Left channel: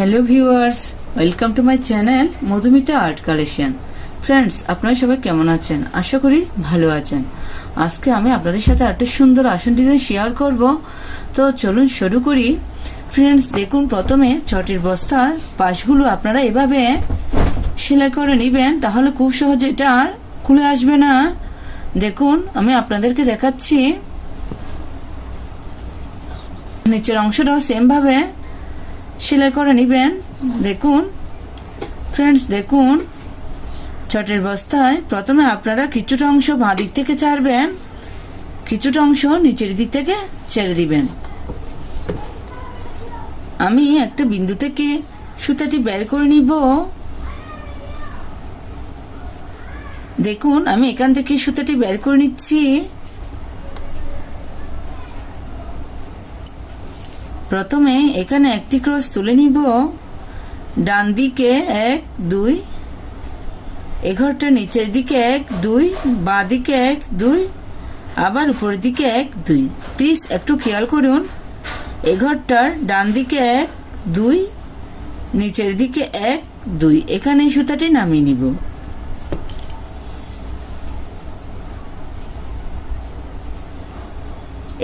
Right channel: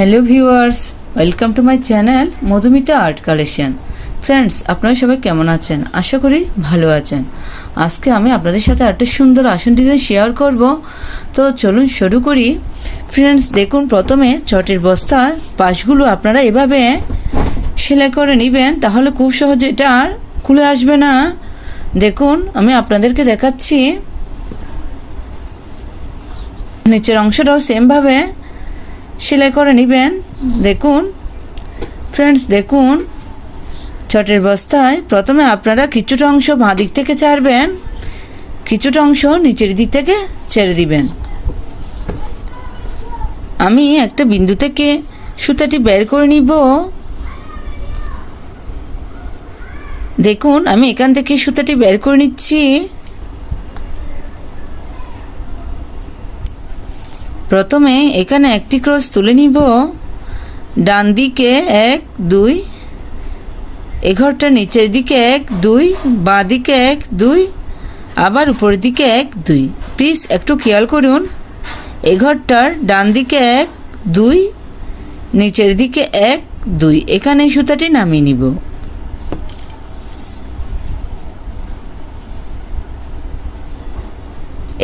Hello viewers, welcome to my channel Madhumita art collection. Friends, আপনারা সবাই কেমন আছেন? আশা করি ভালো আছেন। আজকে আমি আপনাদের সাথে একটা সুন্দর আসন ডিজাইন শেয়ার করব। তো চলুন শুরু করি। ফ্রেন্ডস, দেখুন, প্রথমে চটের বস্তার পাশগুলো আপনারা এভাবে সেলাই করে নেবেন, তাহলে খুব সহজে এটা আর খুলে আসবে না। দেখুন, আমি আপনাদেরকে দেখাচ্ছি। নিচের অংশটাও সেমভাবে সেলাই করে নেবেন। দেখুন ফ্রেন্ডস, দেখুন, চটের বস্তায় প্রথমে আপনারা কিছুটা অংশ বাঁ দিক থেকে ছাড়বেন, কিছুটা অংশ নিচের দিক থেকে ছেড়ে দিবেন। আমি একটা বিন্দু থেকে সুতাটি বের করে নিব। দেখুন, আমি এখান থেকে সুতাটি বের করে নিচ্ছি। প্রথমে এখানে একটি ক্রস তুলে নিব। ডান দিকে 1 2, এই ঘরটার নিচের দিকে 1 2, বাঁ দিকে 1 2, আবার উপরের দিকে 1 2। প্লিজ একটু খেয়াল করুন, এই ঘরটার ডান দিকে 1 2, নিচের দিকে 1 2, এখানে এই সুতাটি নামিয়ে নিব।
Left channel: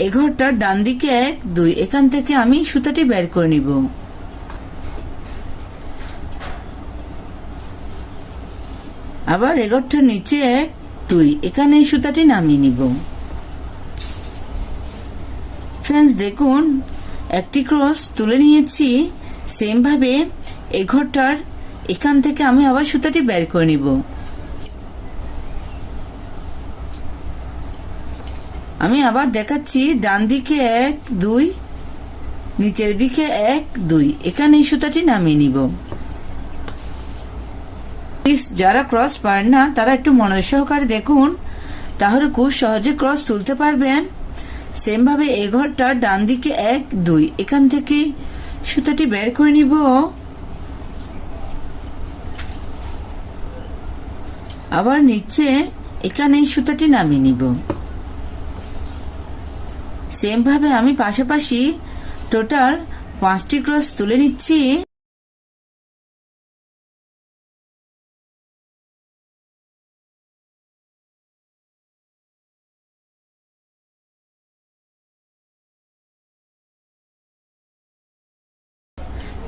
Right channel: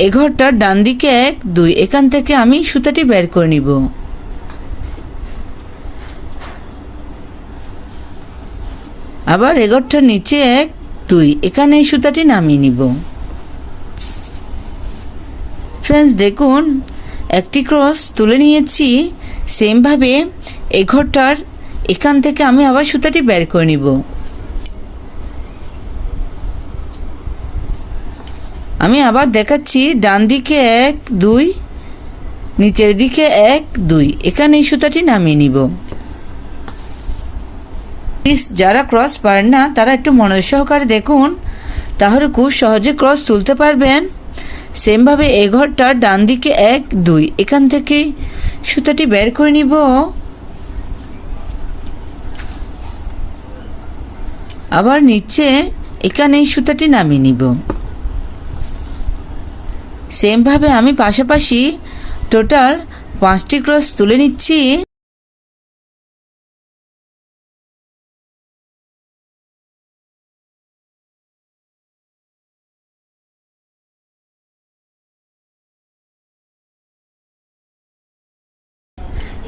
এই ঘরটার ডান দিকে 1 2, এখান থেকে আমি সুতাটি বের করে নিব। আবার এই ঘরটার নিচে 1 2, এখানে এই সুতাটি নামিয়ে নিব। ফ্রেন্ডস, দেখুন, একটি ক্রস তুলে নিয়েছি। সেমভাবে এই ঘরটার এখান থেকে আমি আবার সুতাটি বের করে নিব। আমি আবার দেখাচ্ছি, ডান দিকে 1 2, নিচের দিকে 1 2, এখানে এই সুতাটি নামিয়ে নিব। প্লিজ যারা ক্রস পারেন না তারা একটু মনোযোগ সহকারে দেখুন, তাহলে খুব সহজে ক্রস তুলতে পারবেন। সেমভাবে এই ঘরটার ডান দিকে 1 2, এখান থেকে সুতাটি বের করে নিব। আবার নিচে এখানে এই সুতাটি নামিয়ে নিব। সেমভাবে আমি পাশাপাশি টোটাল 5টি ক্রস তুলে নিচ্ছি।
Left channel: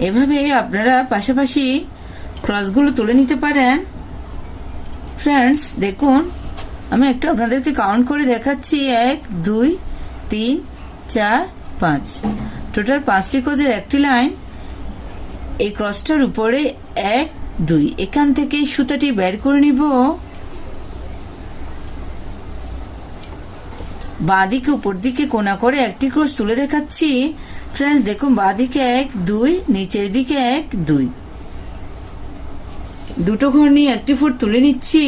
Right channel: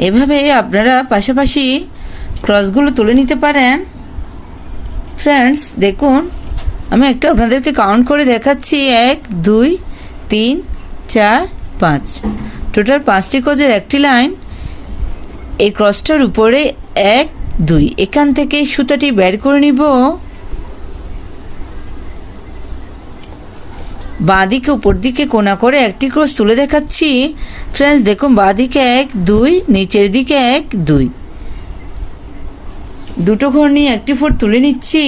এভাবে আপনারা পাশাপাশি ক্রসগুলো তুলে নিতে পারেন। ফ্রেন্ডস, দেখুন, আমি একটু আপনাদেরকে কাউন্ট করে দেখাচ্ছি। 1 2 3 4 5, টোটাল 5টি ক্রসের একটি লাইন। এই ক্রসটার উপরে 1 2, এখান থেকে সুতাটি বের করে নিব। বাঁ দিকে উপর দিকে কোণা করে একটি ক্রস তুলে দেখাচ্ছি। ফ্রেন্ডস, দেখুন, বাঁ দিকে 1 2, নিচের দিকে 1 2, দুটো ঘর নিয়ে একটি ফুট তুলে নিচ্ছি।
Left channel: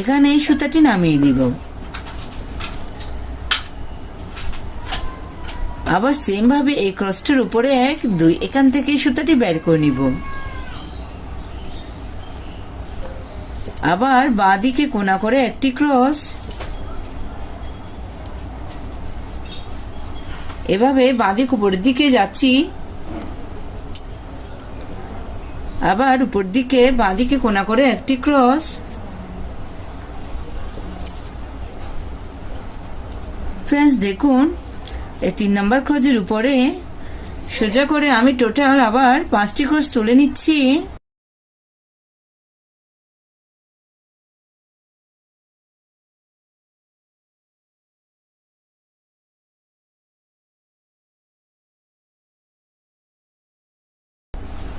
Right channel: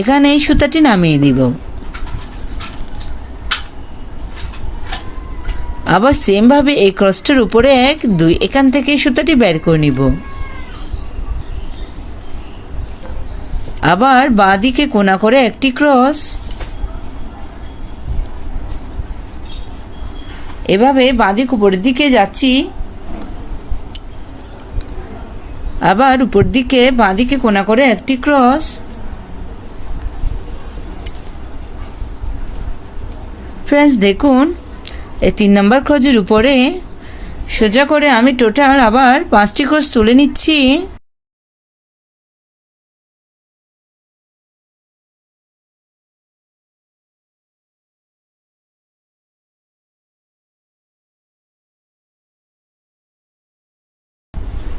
এখানে এই সুতাটি নামিয়ে দিব। আবার সেমভাবে এই ক্রসটার উপরে 1 2, এখান থেকে এই সুতাটি বের করে নিব। আবার বাঁ দিকে কোণা করে একটি ক্রস। এভাবে বাঁ দিক উপরের দিকে যাচ্ছি। আবার উপর দিকে বাঁ দিকে কোণা করে একটি ক্রস। ফ্রেন্ডস, দেখুন, এই 3 নম্বর ক্রসের উপরে সোজা করে আমি টোটাল আবার 5টি ক্রস তুলে নিচ্ছি।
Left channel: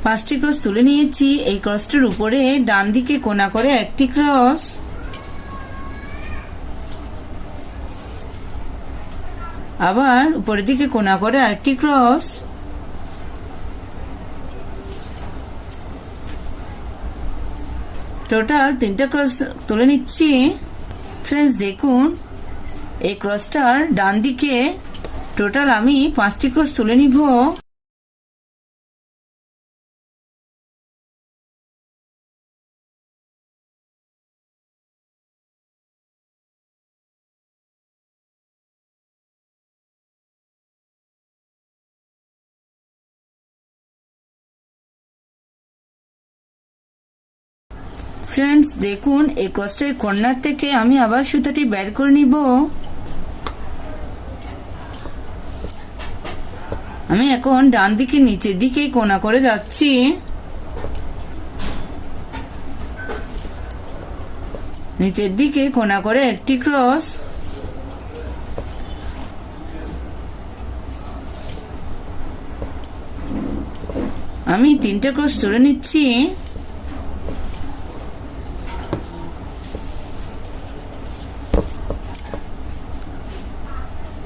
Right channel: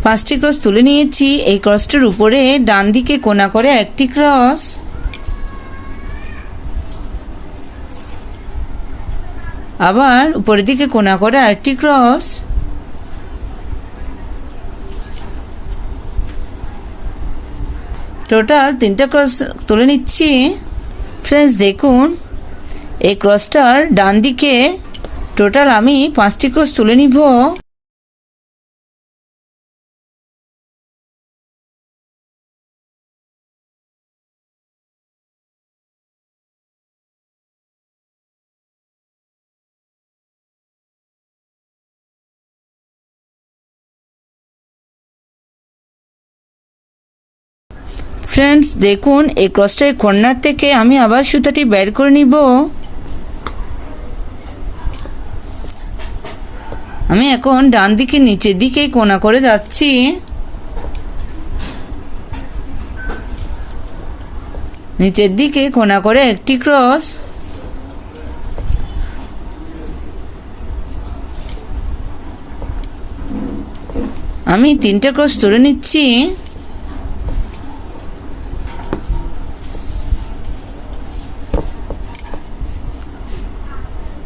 পাঁচটি ক্রস তুলে নিয়েছি। এই ক্রসটার উপরে ডান দিকে কোণা করে একটি ক্রস। আবার উপরের দিকে কোণা করে আরেকটি ক্রস। টোটাল 3টা ক্রস তুলে নিচ্ছি। ফ্রেন্ডস, দেখুন, এই ক্রসটার ডান দিকে টোটাল আমি 5টি ক্রস তুলে নিব। ফ্রেন্ডস দেখুন এই ক্রসটার কর্নার থেকে আমি আবার সুতাটি বের করে নিব। আমি এখন ডান দিকে নিচের দিকে কোণা করে যাচ্ছি। নিচের দিকে কোণা করে একটি ক্রস, আমি 3টে ক্রস তুলে নিচ্ছি।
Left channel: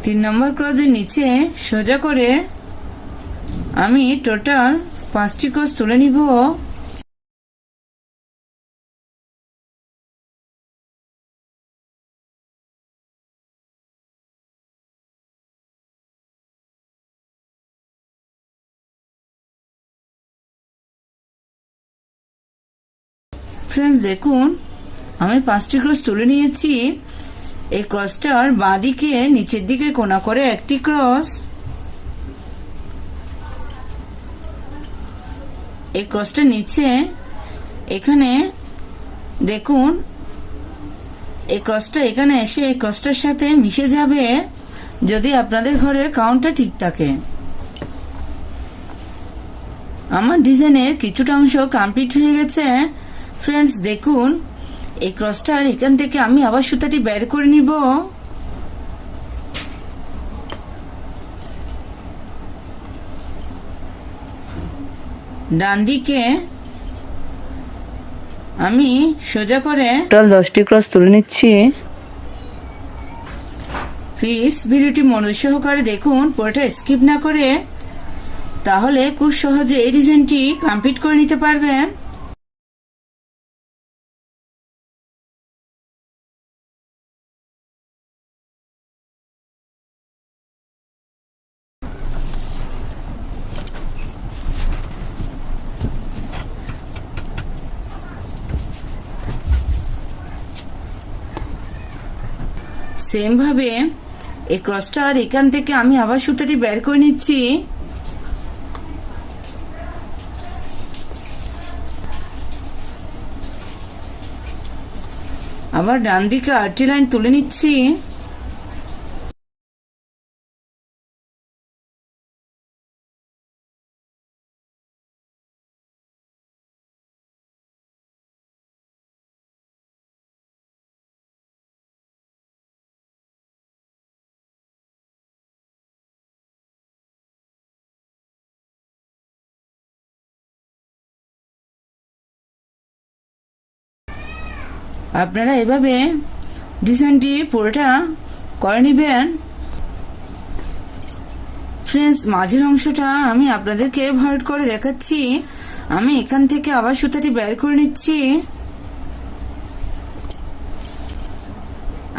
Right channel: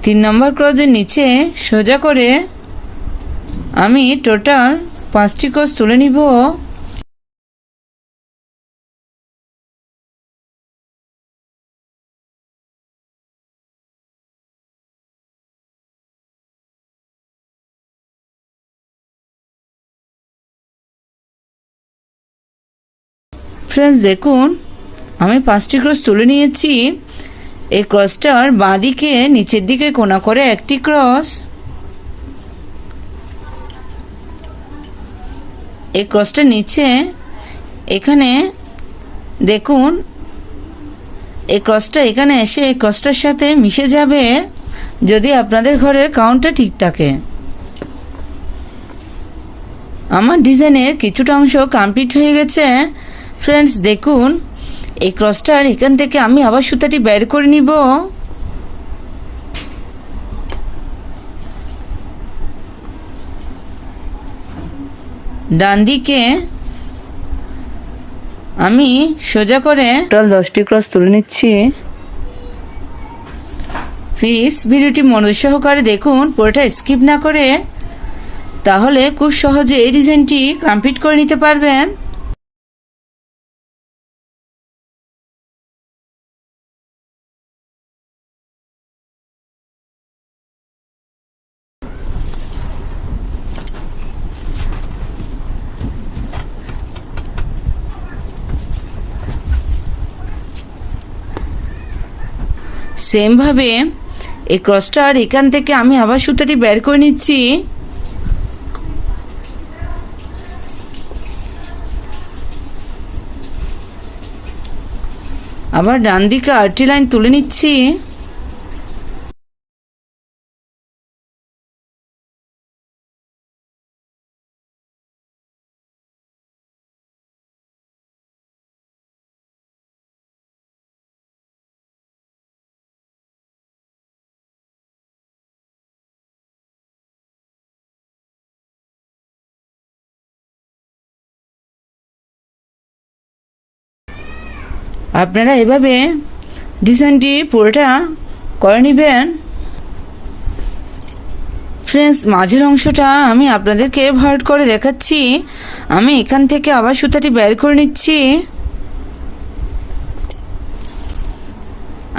তিন নম্বর ক্রসের নিচে সোজা করে আমি টোটাল 5টি ক্রস তুলে নিব। ফ্রেন্ডস দেখুন আমি 5টি ক্রস তুলে নিয়েছি। এই ক্রসটার বাঁ দিকে নিচের দিকে কোণা করে একটি ক্রস, এই ক্রসটার নিচে এখানে দেখুন এই ক্রসটা এখানে এসে এই ক্রসটার সাথে মিশে যাবে যদি আপনাদের ঘরের কাউন্টটা ঠিক থাকে। আমার ডিজাইনের কিছুটা অংশ কমপ্লিট হয়ে গেছে। ফ্রেন্ডস দেখুন এই ক্রসটার এখান থেকে আমি আবার সুতাটি বের করে নিব। ডান দিকে আমি সোজা করে টোটাল 10টি ক্রস তুলে নিচ্ছি। প্লিজ ভিডিওটি মনোযোগ সহকারে দেখুন, পুরোটা স্কিপ না করে, তাহলে খুব সহজে এই ডিজাইনটি কমপ্লিট করে নিতে পারবেন। সেমভাবে এই ক্রসটার এখান থেকে আমি আবার সুতাটি বের করে নিচ্ছি। আবার ডান দিকে আরেকটি লাইন তুলে নিচ্ছি। আপনারা এভাবে ডিজাইনটি পুরোটা করে নেবেন। ফ্রেন্ডস মাঝের অংশটা আমি আপনাদেরকে ভার্ট করে দেখাচ্ছি। আমি এখান থেকে আবার সুতাটি বের করে নিচ্ছি।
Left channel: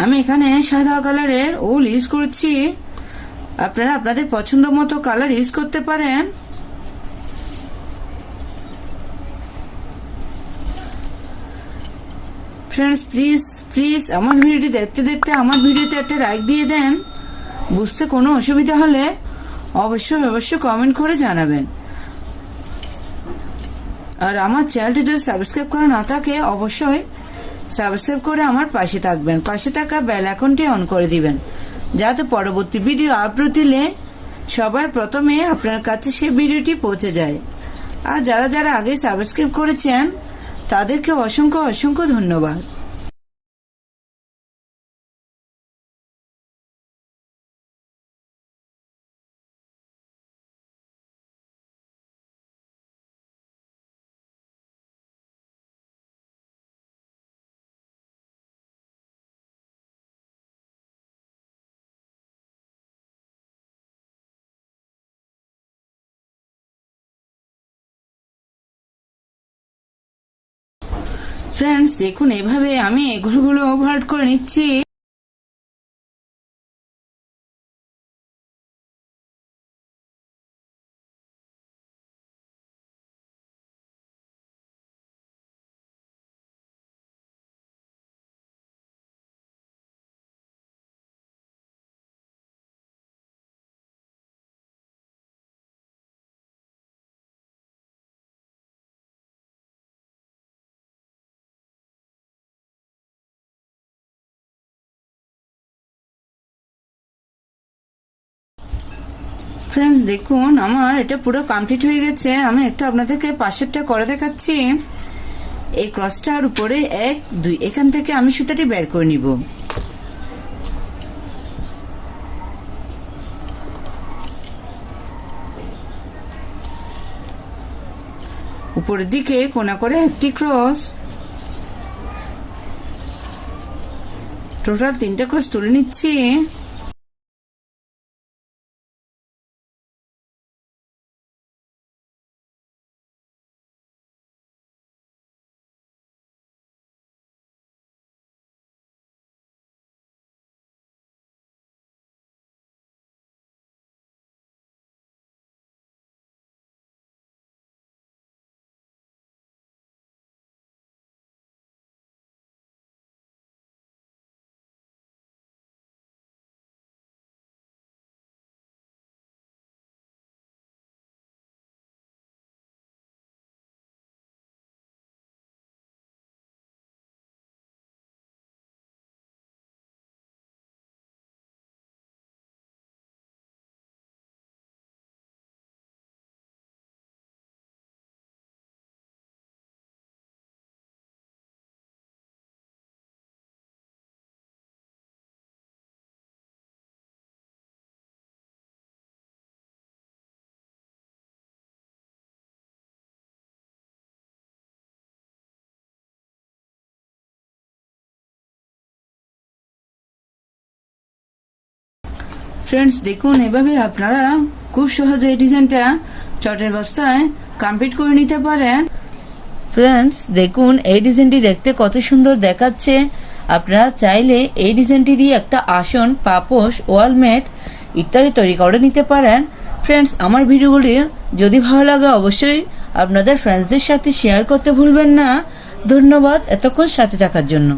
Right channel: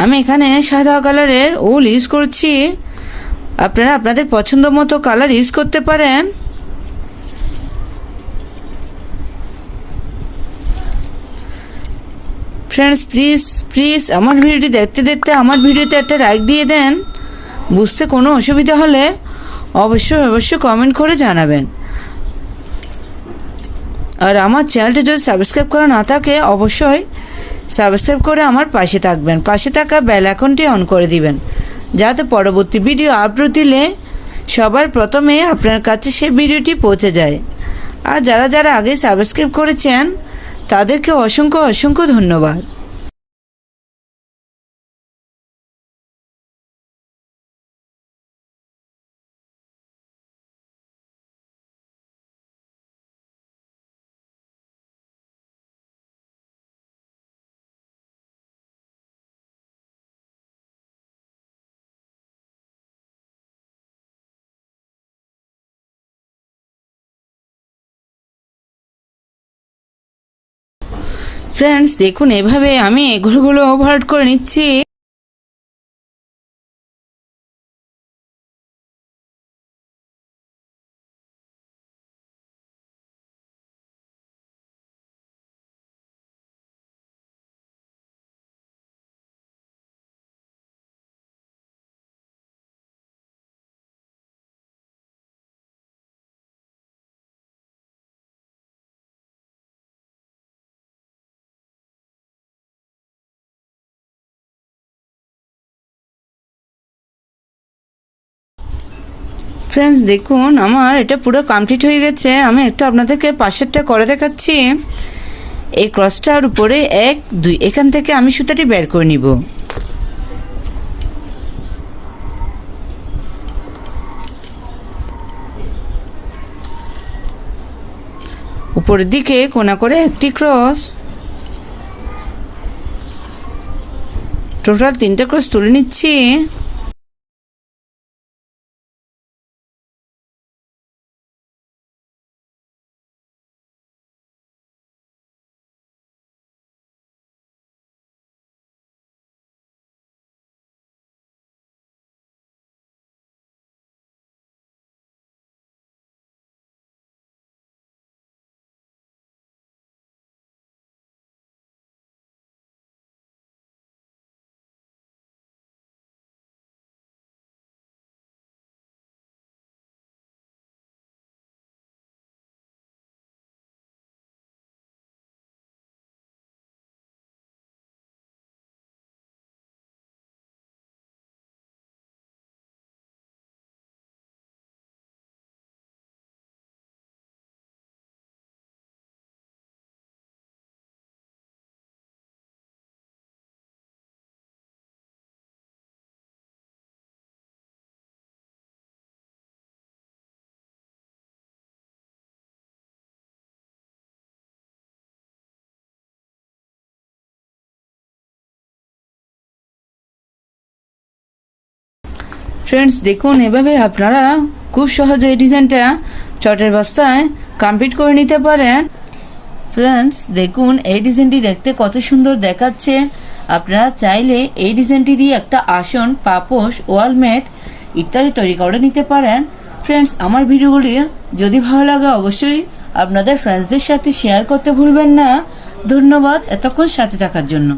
আমি এখানে সাদা কালারের উল ইউজ করছি, আপনারা আপনাদের পছন্দ মতো কালার ইউজ করতে পারেন। ফ্রেন্ডস প্লিজ আমার ভিডিওটি দেখতে দেখতে আমার ভিডিওতে একটা লাইক দিয়ে দেন। বুঝতে কোনো অসুবিধা হলে অবশ্যই কমেন্ট করে জানাবেন। আর আমার চ্যানেলটি যদি সাবস্ক্রাইব করা না থাকে অবশ্যই সাবস্ক্রাইব করে আমার পাশে থাকবেন, পাশে থাকা বেল আইকনটি অন করে দিবেন, যাতে পরবর্তী ভিডিও আপলোড দিলে সবার প্রথমে আপনার কাছে সেই ভিডিওটি পৌঁছে যায়। আর যারা আগে সাবস্ক্রাইব করেছেন তাদেরকে অসংখ্য ধন্যবাদ। ফ্রেন্ডস দেখুন এভাবে আমি এগুলো ওভারলোড করে নিচ্ছি। ফ্রেন্ডস দেখুন আমার এটা পুরো কমপ্লিট হয়ে গেছে। আমি একটা আপনাদেরকে পাশেরটা করে দেখাচ্ছি। এই ক্রসটার উপরে 1 2 এখান থেকে আমি সুতাটি বের করে নিব। উপরের দিকে কোণা করে একটি ক্রস, টোটাল 3টা ক্রস তুলে নিচ্ছি। ফ্রেন্ডস দেখুন এভাবে আপনারা খুব সহজে এই ডিজাইনটা চটের বস্তায় কমপ্লিট করে নিতে পারেন। ফ্রেন্ডস দেখুন এই ডিজাইনটি দেখতে কত সুন্দর দেখাচ্ছে। আপনারা চাইলে এই ডিজাইনটি দিয়ে একটা আসন, পাপোশ, ওয়ালমেট ইত্যাদি তৈরি করে নিতে পারেন। ফ্রেন্ডস আমার ভিডিওগুলি যদি ভালো লাগে অবশ্যই আপনাদের ফ্রেন্ডসদের সাথে শেয়ার করতে ভুলবেন না। ধন্যবাদ এতক্ষণ সাথে থাকার জন্য।